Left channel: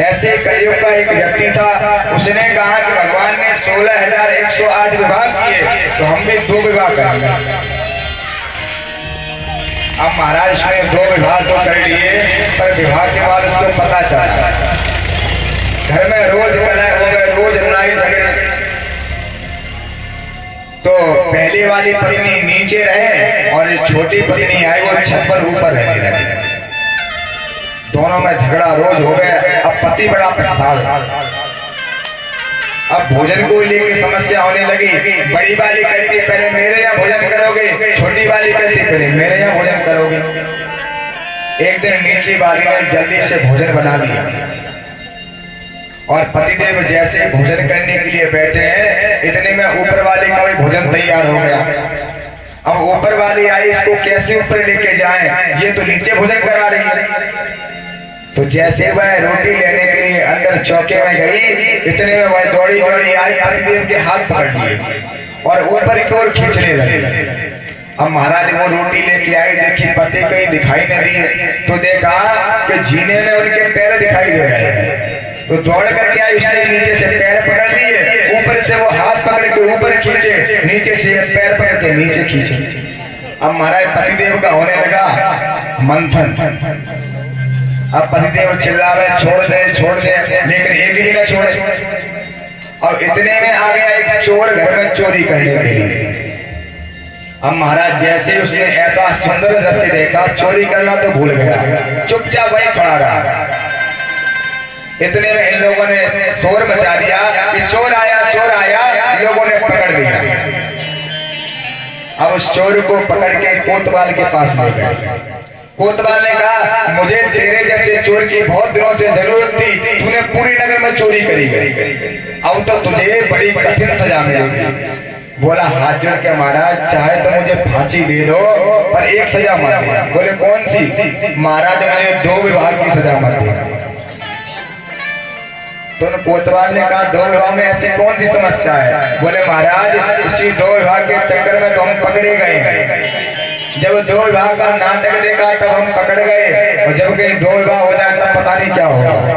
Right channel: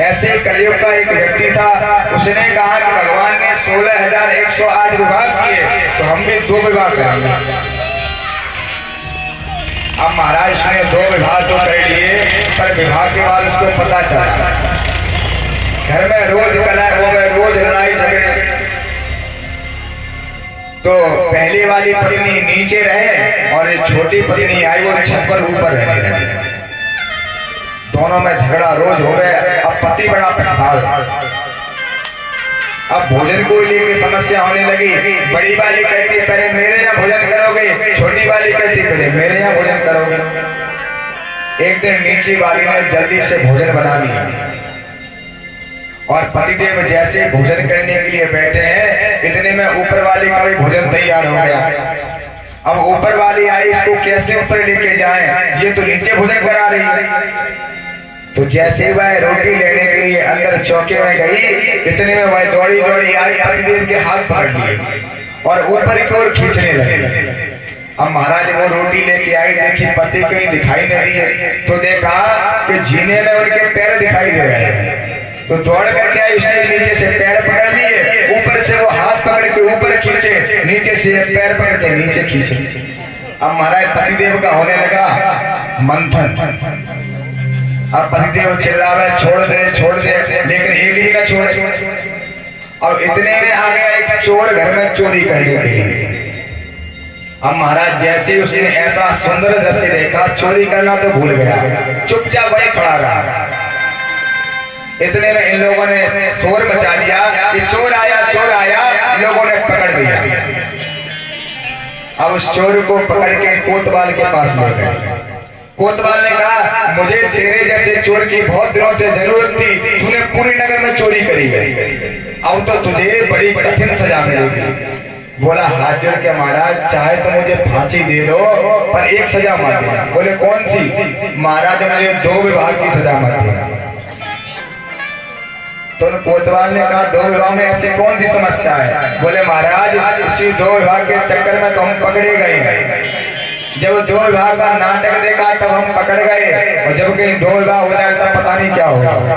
ऐसे कलयुग का एक व्यक्ति था, उसने कहा कि भगवान ने 16,108 विवाह किए तो हम भी 2 विवाह करेंगे। अब महाराज उसने 2 विवाह तो कर लिए, पर विवाह के बाद उसको पता चला घर में रोज कलह हो गए, रोज लड़ाई झगड़े। तो पहली वाली पत्नी नीचे रहे और ये छोटी पत्नी आई वो छत पर ऊपर रहने लगी। दोनों में झगड़ा रोज हो गया। अब पति बड़ा पछतावा, अब भोजन को लेकर समस्या होने लगी। बड़ी वाली कहती पहले मेरे यहाँ भोजन करोगे, छोटी वाली कहती पहले मेरे यहाँ भोजन करोगे। एक दिन नीची वाली ने जल्दी से भोजन बना लिया और पतिदेव जैसे भोजन करने के लिए बैठे हैं, इतने में ऊपर वाली का भी भोजन तैयार हो गया। अब ऊपर वाली आई, इसको कैसे ऊपर लेके जाएं, ये तो नीचे भोजन करा रही है। तो जैसे वह रोटी लेने के लिए अंदर चौके में गई, इतने में वह दौड़ी दौड़ी आई, पतिदेव के हाथ पकड़ लिए और ऊपर की ओर खींचने लगी। अब महाराज वो रोटी लेके आए, देखी पति कहीं दिखाई नहीं दिए, तो देखा कि जीने में उनके पैर दिखाई दे रहे हैं। तो दौड़ करके आई, उसने नीचे से पैर पकड़ लिए, ऊपर से वो हाथ पकड़ के ऊपर खींचे, नीचे से पैर पकड़ के नीचे खींचे। अब महाराज पतिदेव का होने लगा मंथन। अब पतिदेव चिल्लावे छोड़ दे, लेकिन एक ही जगह छोड़े। और इतने में आ गया एक चोर घर में चोरी करने के लिए। अब महाराज जैसे उसने ऐसा सुंदर दृश्य देखा, चोरी करना तो भूल गया, चुपचाप वही खड़ा रहा। इतने में इन लोगों ने शोर मचा दिया कि चोर आया। लोगों ने पकड़ दिया। अब उस चोर को पकड़ के कोतवाल के पास ले गए। कोतवाल ने कहा मुझे तेरे जैसे चोर की बहुत दिनों से जरूरत थी, तूने पूरी नगर में चोरी करी गई, अब तो तुझे बड़ी कठिन सजा मिलेगी। बोला हाथ जोड़ के महाराज चाहे तो मुझे फांसी दे दो, पर एक सजा मत देना। बोले कौन सी? महाराज मुझे 2 विवाह की सजा मत देना। तो कोतवाल ने कहा 2 विवाह में ऐसी कौन सी समस्या है? बोले महाराज इसी 2 विवाह के चक्कर में तो हम पकड़े गए हैं। जब 2 विवाह का नाटक देखा तब हम पकड़ गए, और जब कहीं 2 विवाह हो जाए तब पता नहीं क्या होगा।